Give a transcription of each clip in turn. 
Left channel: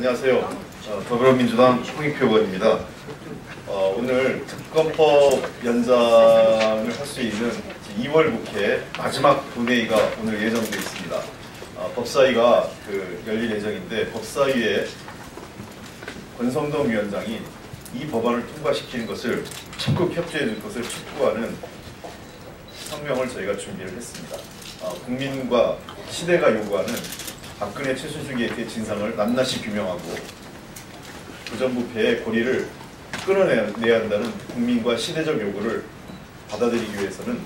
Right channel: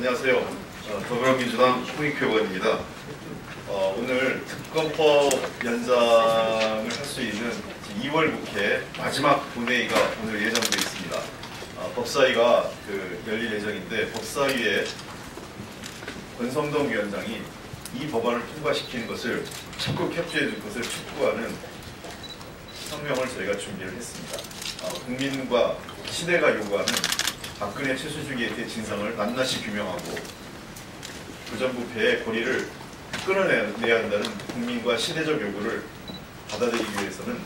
안녕하세요. 더불어민주당 홍익표 의원입니다. 오늘 특검법 연장을 할 수 있는 2월 국회 마지막 본회의가 오늘 예정되어 있습니다. 법사위가 열릴 예정인데 법사위에 권성동 위원장이 이 법안을 통과시키는 것을 적극 협조해 줄 것을 촉구하는 성명을 저희가 준비를 했습니다. 국민과 시대가 요구하는 박근혜 최순실계의 대진상을 낱낱이 규명하고 부정부패의 고리를 끊어내야 한다는 국민과 시대적 요구를 받아들이기 위해서는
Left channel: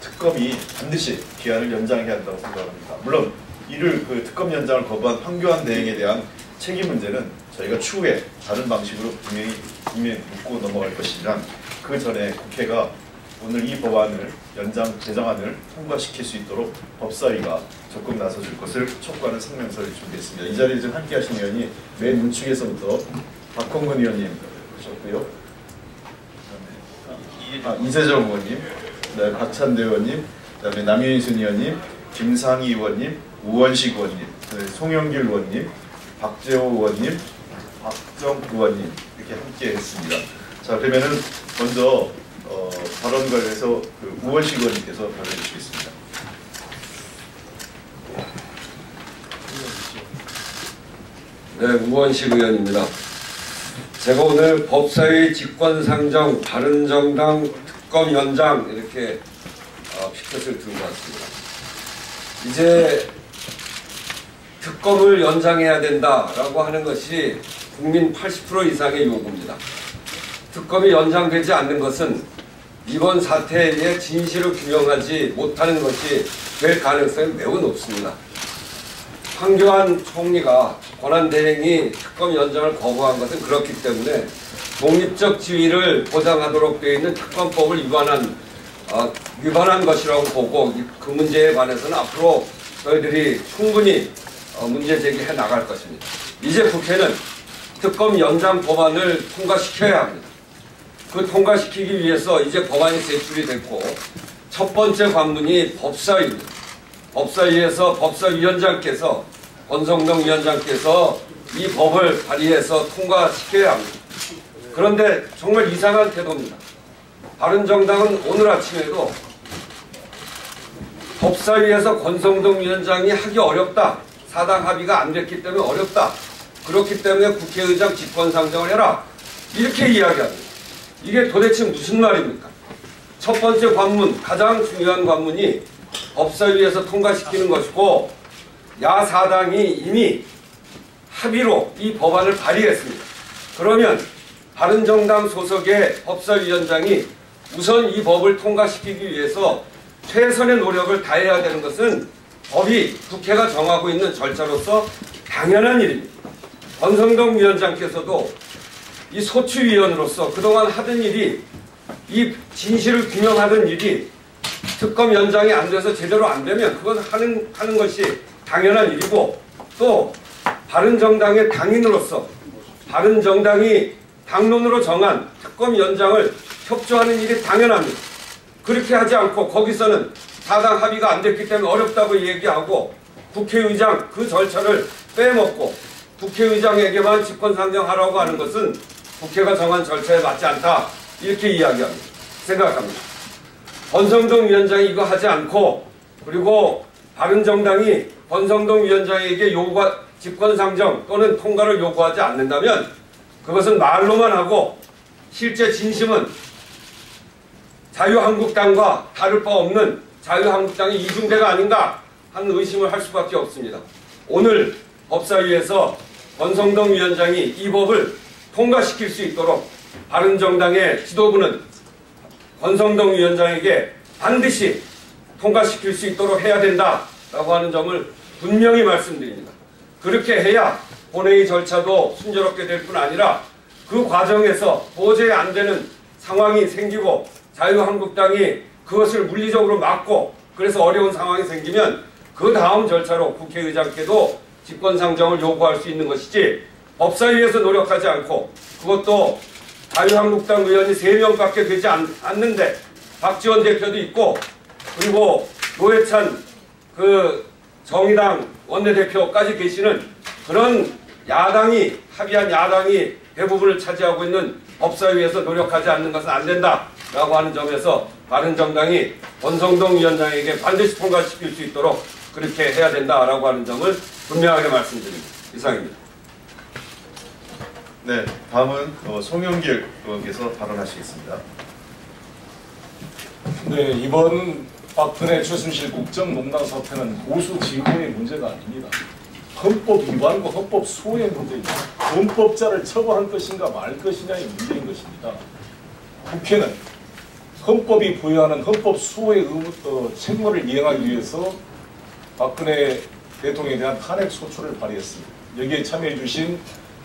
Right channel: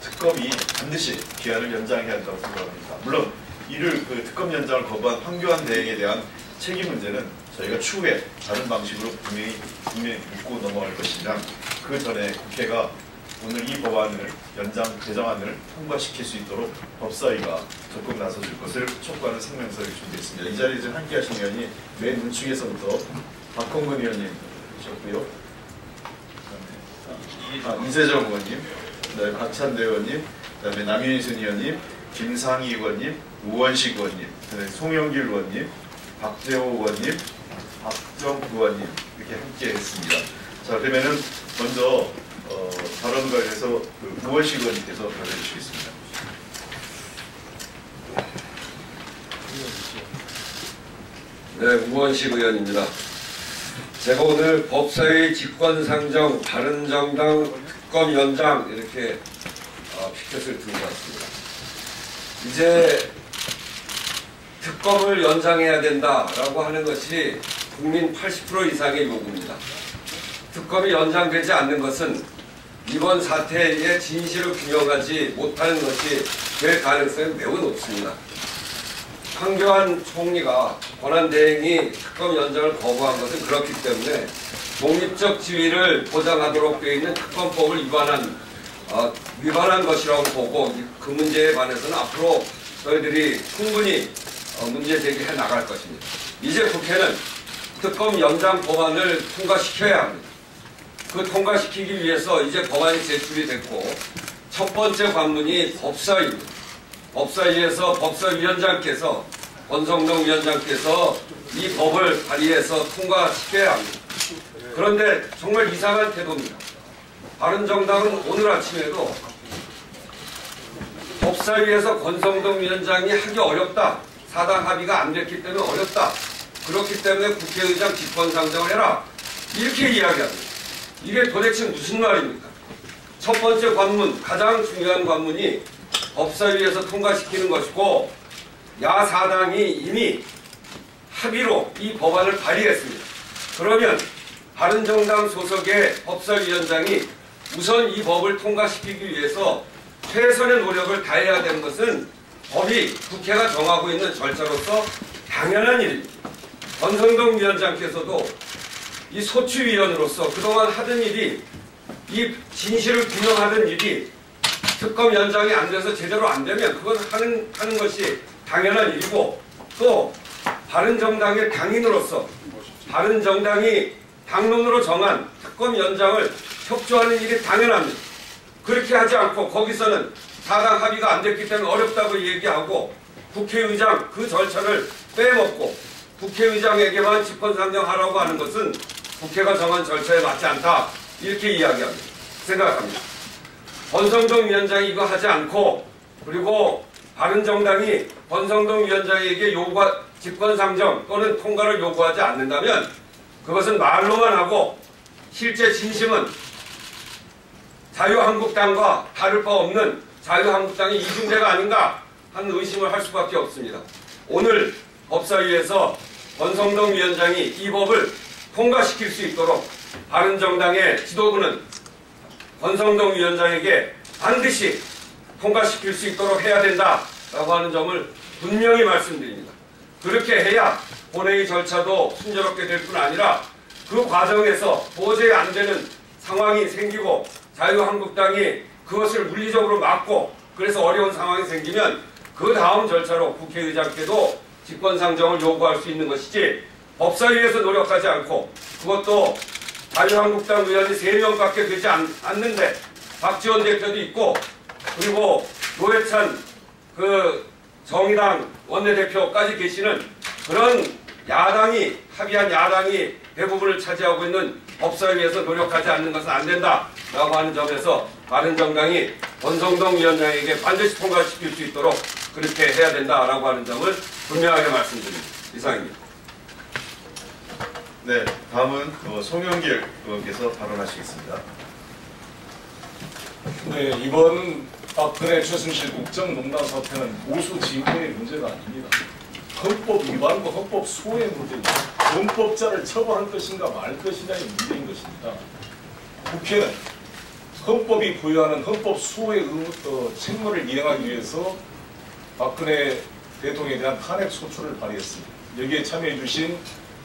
특검이 반드시 기한을 연장해야 한다고 생각합니다. 물론 이를 특검 연장을 거부한 황교안 대행에 대한 책임 문제는 저희가 추후에 다른 방식으로 분명히 묻고 넘어갈 것이지만 그 전에 국회가 오늘 이 법안을 제정안을 통과시킬 수 있도록 법사위가 적극 나서줄 것을 촉구하는 성명서를 준비했습니다. 이 자리에 지금 함께하신 의원이 맨 우측에서부터 박홍근 의원님 오셨고요. 이세정 의원님, 그다음에 박찬대 의원님, 그다음에 남윤순 의원님, 김상희 의원님, 우원식 의원님, 그다음에 송영길 의원님, 박재호 의원님, 박정 의원님 이렇게 함께했습니다. 자, 그러면은 먼저 발언 관련해서 우원식 의원님께서 발언해 주시겠습니다. 네, 우원식 의원입니다. 제가 오늘 법사위 직권상정 바른정당 특검 연장 이렇게 피켓을 들고 왔습니다. 이제 특검을 연장해야 된다라고 하는 것이 국민 80% 이상의 요구입니다. 특검이 연장되지 않는 것은 이번 사태의 진실을 규명하지 못하는 것이 될 가능성이 매우 높습니다. 황교안 총리가 권한대행이 특검 연장을 거부한 것은 그렇기 때문에 독립적 지위를 보장하도록 되어 있는 특검법을 위반한 것이라고 보고 그 문제에 관해서는 앞으로 저희들이 충분히 문제 제기해 나갈 것입니다. 이제 국회는 특검 연장 법안을 통과시켜야 합니다. 그 통과시키기 위해서 이제 법안이 제출이 됐고 첫 번째 관문이 법사위입니다. 법사위에서 법사위원장께서 권성동 위원장께서 이 법을 발의해서 통과시켜야 합니다. 그런데 정말 이상한 태도입니다. 바른정당은 오늘 아침에도 법사위에서 권성동 위원장이 하기 어렵다. 사당 합의가 안 됐기 때문에 어렵다. 그렇기 때문에 국회의장 직권상정을 해라. 이렇게 이야기합니다. 이게 도대체 무슨 말입니까? 첫 번째 관문, 가장 중요한 관문이 법사위에서 통과시키는 것이고 야사당이 이미 합의로 이 법안을 발의했습니다. 그러면 바른정당 소속의 법사위원장이 우선 이 법을 통과시키기 위해서 최선의 노력을 다해야 되는 것은 법이 국회가 정하고 있는 절차로서 당연한 일입니다. 권성동 위원장께서도 이 소추위원으로서 그동안 하던 일이 이 진실을 규명하던 일이 특검 연장이 안 돼서 제대로 안 되면 그건 하는 것이 당연한 일이고 또 바른정당의 당인으로서 바른정당이 당론으로 정한 특검 연장을 협조하는 일이 당연합니다. 그렇게 하지 않고 거기서는 사당 합의가 안 됐기 때문에 어렵다고 얘기하고 국회의장 그 절차를 빼먹고 국회의장에게만 직권상정하라고 하는 것은 국회가 정한 절차에 맞지 않다. 이렇게 이야기합니다. 생각합니다. 권성동 위원장이 이거 하지 않고 그리고 바른정당이 권성동 위원장에게 직권상정 또는 통과를 요구하지 않는다면 그것은 말로만 하고 실제 진심은 자유한국당과 다를 바 없는 자유한국당의 이중대가 아닌가 하는 의심을 할 수밖에 없습니다. 오늘 법사위에서 권성동 위원장이 이 법을 통과시킬 수 있도록 바른정당의 지도부는 권성동 위원장에게 반드시 통과시킬 수 있도록 해야 된다라고 하는 점을 분명히 말씀드립니다. 그렇게 해야 본회의 절차도 순조롭게 될 뿐 아니라 그 과정에서 도저히 안 되는 상황이 생기고 자유한국당이 그것을 물리적으로 막고 그래서 어려운 상황이 생기면 그 다음 절차로 국회의장께도 직권상정을 요구할 수 있는 것이지 법사위에서 노력하지 않고 그것도 자유한국당 의원이 3명밖에 되지 않는데 박지원 대표도 있고 그리고 노회찬 정의당 원내대표까지 계시는 그런 야당이 합의한 야당이 대부분을 차지하고 있는 법사위에서 노력하지 않는 것은 안 된다라고 하는 점에서 바른정당이 권성동 위원장에게 반드시 통과시킬 수 있도록 그렇게 해야 된다라고 하는 점을 분명하게 말씀드립니다. 이상입니다. 네, 다음은 송영길 의원께서 발언하시겠습니다. 네, 이번 박근혜 최순실 국정농단 사태는 보수 지휘의 문제가 아닙니다. 헌법 위반과 헌법 수호의 문제입니다. 헌법자를 처벌할 것인가 말 것이냐의 문제인 것입니다. 국회는 헌법이 부여하는 헌법 수호의 책무를 이행하기 위해서 박근혜 대통령에 대한 탄핵 소추를 발의했습니다. 여기에 참여해 주신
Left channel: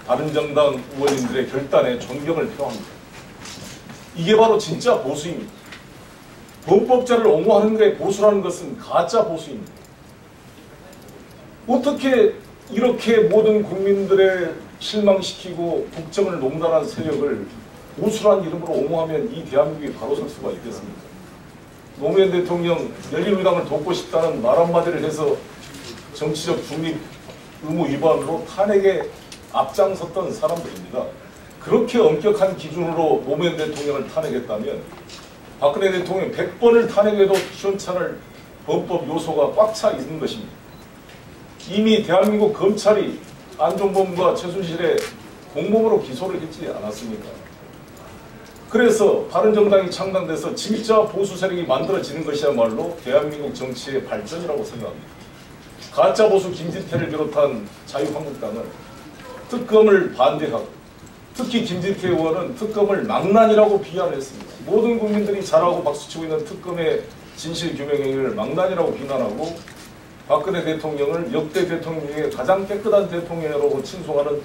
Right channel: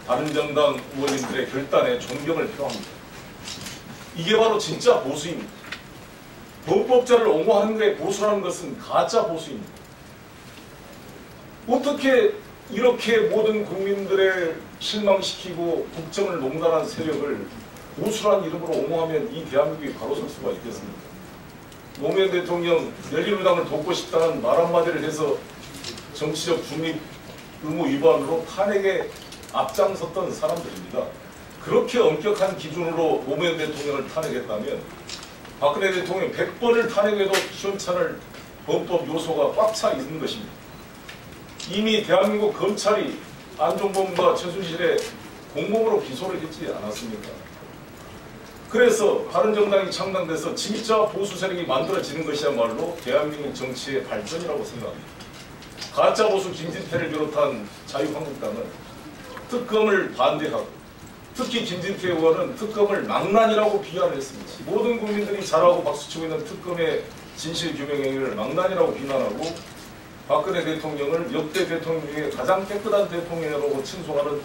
바른정당 의원님들의 결단에 존경을 표합니다. 이게 바로 진짜 보수입니다. 헌법자를 옹호하는 것에 보수라는 것은 가짜 보수입니다. 어떻게 이렇게 모든 국민들을 실망시키고 국정을 농단한 세력을 보수란 이름으로 옹호하면 이 대한민국이 바로 설 수가 있겠습니까? 노무현 대통령 열린우리당을 돕고 싶다는 말 한마디를 해서 정치적 중립 의무 위반으로 탄핵에 앞장섰던 사람들입니다. 그렇게 엄격한 기준으로 노무현 대통령을 탄핵했다면 박근혜 대통령 100번을 탄핵해도 시원찮을 헌법 요소가 꽉 차 있는 것입니다. 이미 대한민국 검찰이 안종범과 최순실의 공범으로 기소를 했지 않았습니까? 그래서 바른정당이 창당돼서 진짜 보수 세력이 만들어지는 것이야말로 대한민국 정치의 발전이라고 생각합니다. 가짜 보수 김진태를 비롯한 자유한국당은 특검을 반대하고 특히 김진태 의원은 특검을 망난이라고 비난했습니다. 모든 국민들이 잘하고 박수치고 있는 특검의 진실규명행위를 망난이라고 비난하고 박근혜 대통령을 역대 대통령 중에 가장 깨끗한 대통령이라고 칭송하는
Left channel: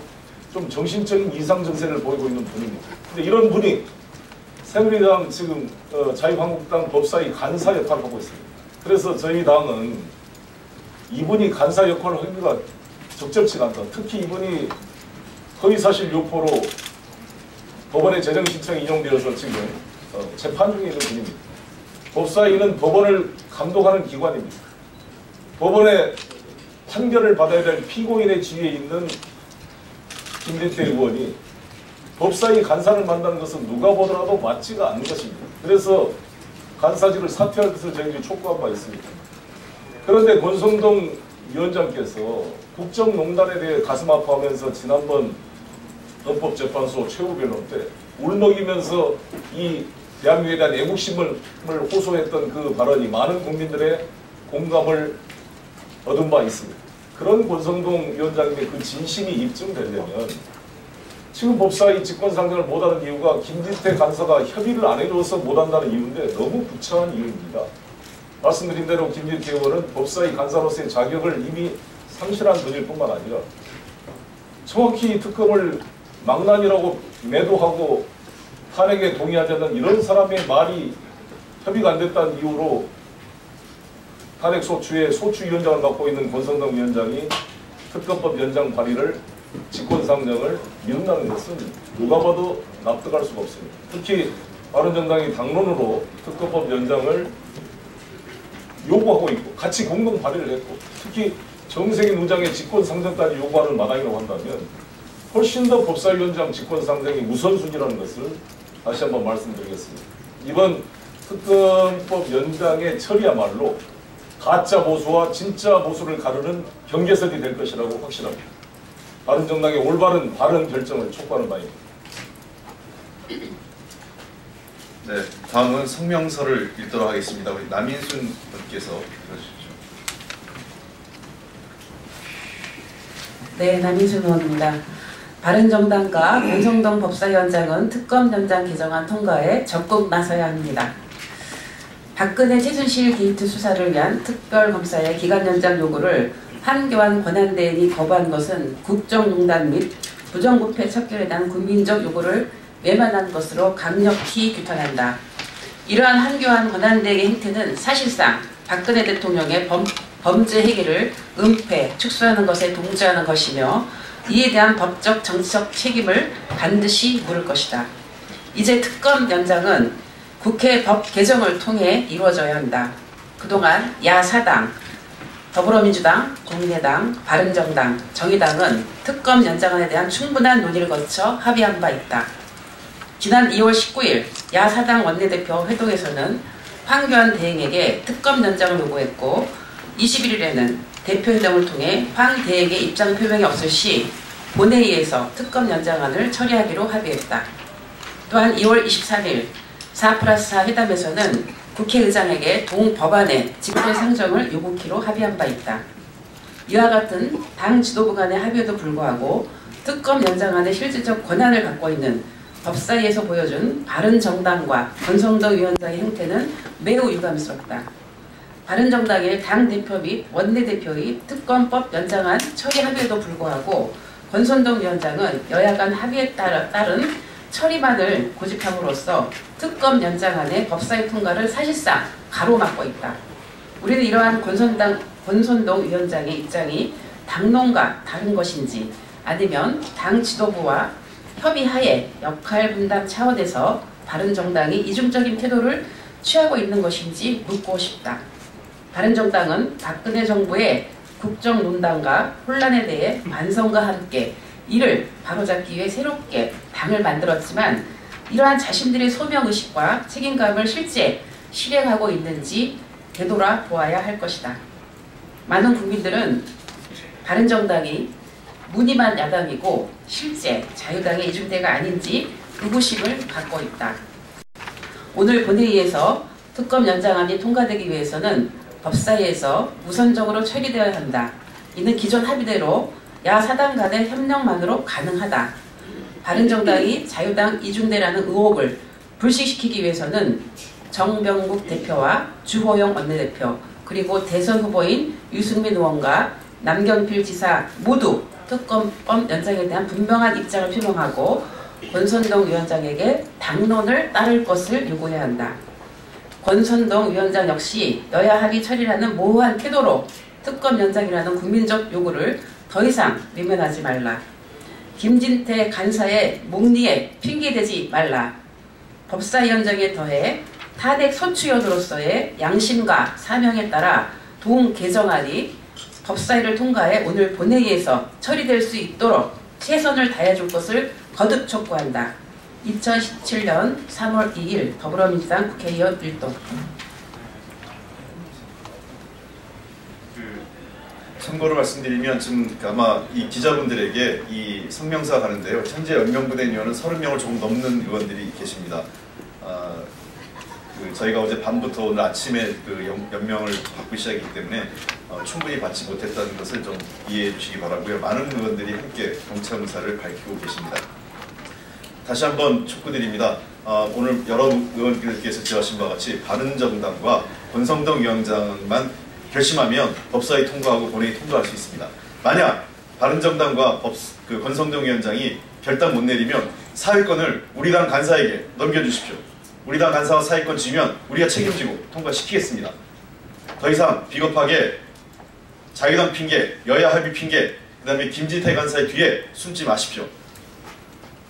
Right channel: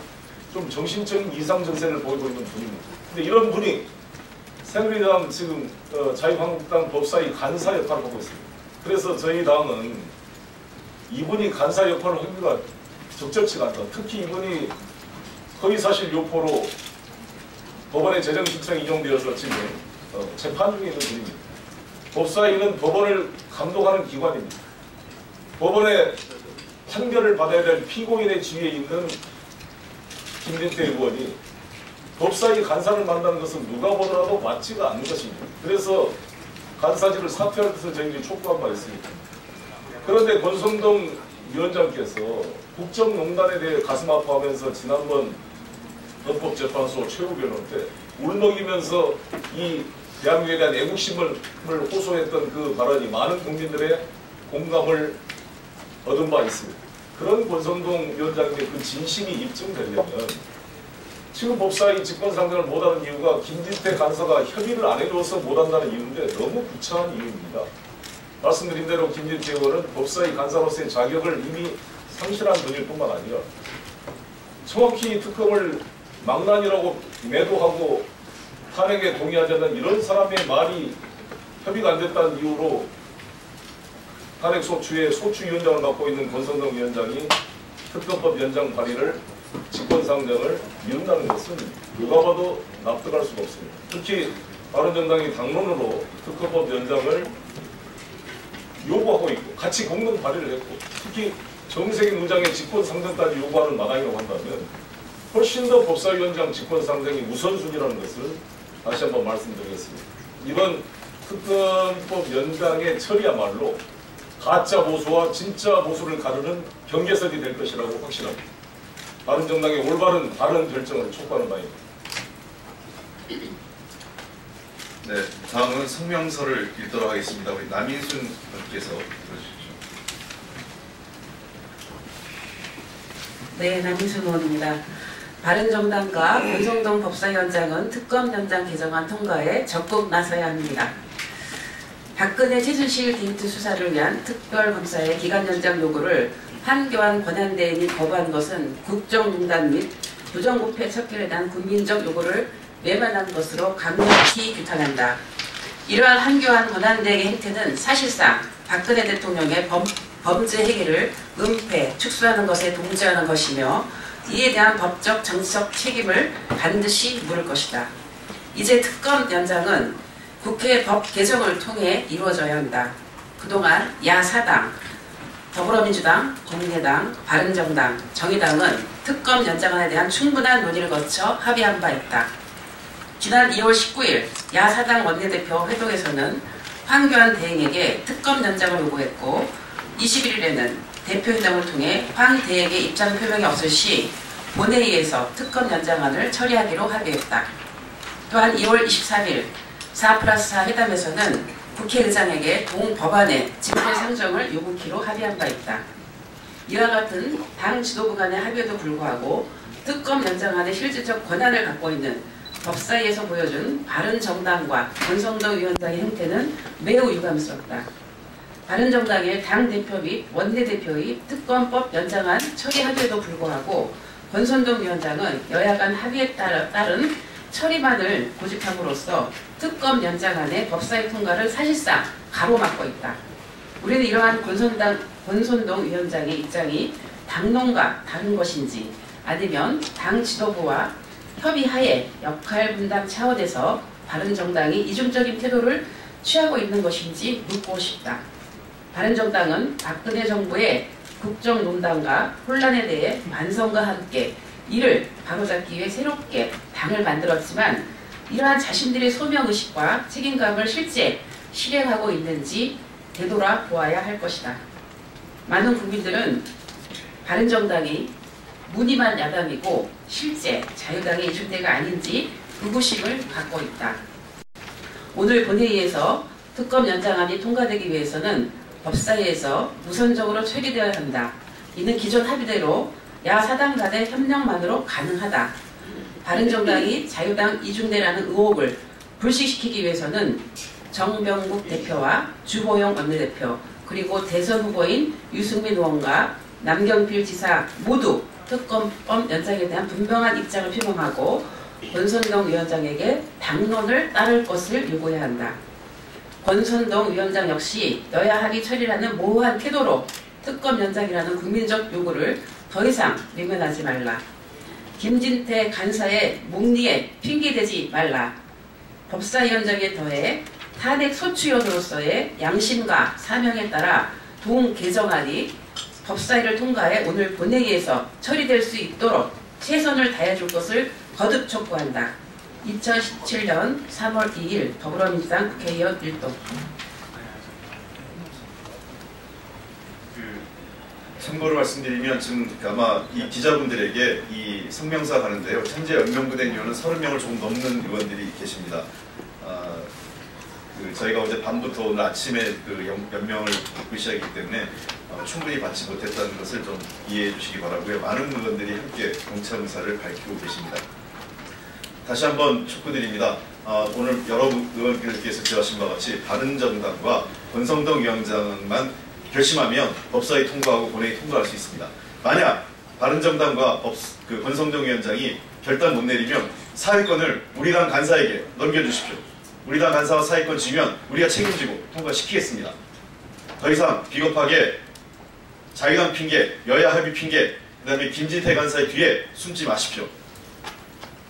좀 정신적인 이상 증세를 보이고 있는 분입니다. 근데 이런 분이 새누리당 지금 자유한국당 법사위 간사 역할을 하고 있습니다. 그래서 저희 당은 이분이 간사 역할을 하기가 적절치가 않다. 특히 이분이 허위사실 유포로 법원의 재정신청이 인용되어서 지금 재판 중에 있는 분입니다. 법사위는 법원을 감독하는 기관입니다. 법원의 판결을 받아야 될 피고인의 지위에 있는 김진태 의원이 법사위 간사를 만나는 것은 누가 보더라도 맞지가 않는 것입니다. 그래서 간사직을 사퇴할 것을 저희들이 촉구한 바 있습니다. 그런데 권성동 위원장께서 국정농단에 대해 가슴 아파하면서 지난번 헌법재판소 최후 변론 때 울먹이면서 이 대한민국에 대한 애국심을 호소했던 그 발언이 많은 국민들의 공감을 얻은 바 있습니다. 그런 권성동 위원장님의 그 진심이 입증되려면 지금 법사위 직권상정을 못하는 이유가 김진태 간사가 협의를 안 해줘서 못한다는 이유인데 너무 구차한 이유입니다. 말씀드린 대로 김진태 의원은 법사위 간사로서의 자격을 이미 상실한 분일 뿐만 아니라 정확히 특검을 망난이라고 매도하고 탄핵에 동의하지 않는 이런 사람의 말이 협의가 안 됐다는 이유로 탄핵 소추의 소추위원장을 맡고 있는 권성동 위원장이 특검법 연장 발의를 직권상정을 미룬다는 것은 누가 봐도 납득할 수가 없습니다. 특히 바른정당이 당론으로 특검법 연장을 요구하고 있고 같이 공동 발의를 했고 특히 정세균 의장의 직권상정까지 요구하는 마당이라고 한다면 훨씬 더 법사위원장 직권상정이 우선순위라는 것을 다시 한번 말씀드리겠습니다. 이번 특검법 연장의 처리야말로 가짜 보수와 진짜 보수를 가르는 경계선이 될 것이라고 확신합니다. 바른정당의 올바른 바른 결정을 촉구하는 바입니다. 네, 다음은 성명서를 읽도록 하겠습니다. 우리 남인순 의원께서 들어주십시오. 네, 남인순 의원입니다. 바른정당과 권성동 법사위원장은 특검 연장 개정안 통과에 적극 나서야 합니다. 박근혜 최순실 게이트 수사를 위한 특별검사의 기간 연장 요구를 한교안 권한대행이 거부한 것은 국정농단 및 부정부패 척결에 대한 국민적 요구를 외면한 것으로 강력히 규탄한다. 이러한 한교안 권한대행의 행태는 사실상 박근혜 대통령의 범죄 행위를 은폐, 축소하는 것에 동조하는 것이며 이에 대한 법적 정치적 책임을 반드시 물을 것이다. 이제 특검 연장은 국회 법 개정을 통해 이루어져야 한다. 그동안 야사당, 더불어민주당, 국민의당, 바른정당, 정의당은 특검 연장안에 대한 충분한 논의를 거쳐 합의한 바 있다. 지난 2월 19일 야사당 원내대표 회동에서는 황교안 대행에게 특검 연장을 요구했고 21일에는 대표회담을 통해 황 대행의 입장 표명이 없을 시 본회의에서 특검 연장안을 처리하기로 합의했다. 또한 2월 23일 4+4 회담에서는 국회의장에게 동법안의 집회 상정을 요구키로 합의한 바 있다. 이와 같은 당 지도부 간의 합의에도 불구하고 특검 연장안의 실질적 권한을 갖고 있는 법사위에서 보여준 바른정당과 권성동 위원장의 행태는 매우 유감스럽다. 바른정당의 당대표 및 원내대표의 특검법 연장안 처리 합의에도 불구하고 권성동 위원장은 여야 간 합의에 따른 처리만을 고집함으로써 특검 연장안의 법사위 통과를 사실상 가로막고 있다. 우리는 이러한 권선동 위원장의 입장이 당론과 다른 것인지 아니면 당 지도부와 협의하에 역할 분담 차원에서 바른정당이 이중적인 태도를 취하고 있는 것인지 묻고 싶다. 바른정당은 박근혜 정부의 국정농단과 혼란에 대해 반성과 함께 이를 바로잡기 위해 새롭게 당을 만들었지만 이러한 자신들의 소명의식과 책임감을 실제 실행하고 있는지 되돌아 보아야 할 것이다. 많은 국민들은 바른정당이 무늬만 야당이고 실제 자유당의 이중대가 아닌지 의구심을 갖고 있다. 오늘 본회의에서 특검 연장안이 통과되기 위해서는 법사위에서 우선적으로 처리되어야 한다. 이는 기존 합의대로 야사당 간의 협력만으로 가능하다. 바른정당이 자유당 이중대라는 의혹을 불식시키기 위해서는 정병국 대표와 주호영 원내대표 그리고 대선 후보인 유승민 의원과 남경필 지사 모두 특검법 연장에 대한 분명한 입장을 표명하고 권선동 위원장에게 당론을 따를 것을 요구해야 한다. 권선동 위원장 역시 여야 합의 처리라는 모호한 태도로 특검 연장이라는 국민적 요구를 더 이상 외면하지 말라. 김진태 간사의 목리에 핑계대지 말라. 법사위원장에 더해 탄핵 소추위원으로서의 양심과 사명에 따라 동 개정안이 법사위를 통과해 오늘 본회의에서 처리될 수 있도록 최선을 다해줄 것을 거듭 촉구한다. 2017년 3월 2일 더불어민주당 국회의원 일동. 참고로 말씀드리면 지금 아마 이 기자분들에게 이 성명서가 가는데요. 현재 연명부된 의원은 30명을 조금 넘는 의원들이 계십니다. 저희가 어제 밤부터 오늘 아침에 연명을 받기 시작했기 때문에 충분히 받지 못했다는 것을 좀 이해해 주시기 바라고요. 많은 의원들이 함께 동참 의사를 밝히고 계십니다. 다시 한번 촉구드립니다. 오늘 여러 의원들께서 지적하신 바와 같이 바른정당과 권성동 위원장만 결심하면 법사위 통과하고 본회의 통과할 수 있습니다. 만약 바른정당과 권성동 위원장이 결단 못 내리면 사회권을 우리 당 간사에게 넘겨주십시오. 우리 당 간사와 사회권 지면 우리가 책임지고 통과시키겠습니다. 더 이상 비겁하게 자유당 핑계, 여야 합의 핑계, 그 다음에 김진태 간사의 뒤에 숨지 마십시오.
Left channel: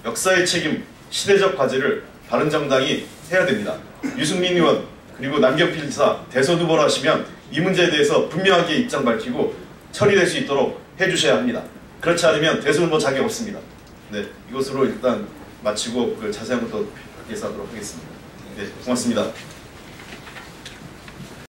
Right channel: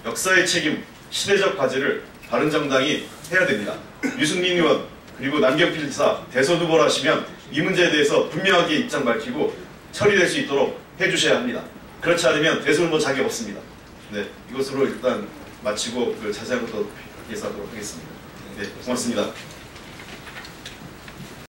역사의 책임, 시대적 과제를 바른정당이 해야 됩니다. 유승민 의원 그리고 남경필 지사 대선 후보를 하시면 이 문제에 대해서 분명하게 입장 밝히고 처리될 수 있도록 해주셔야 합니다. 그렇지 않으면 대선 후보 자격 없습니다. 네, 이것으로 일단 마치고 자세한 것도 예사하도록 하겠습니다. 네, 고맙습니다.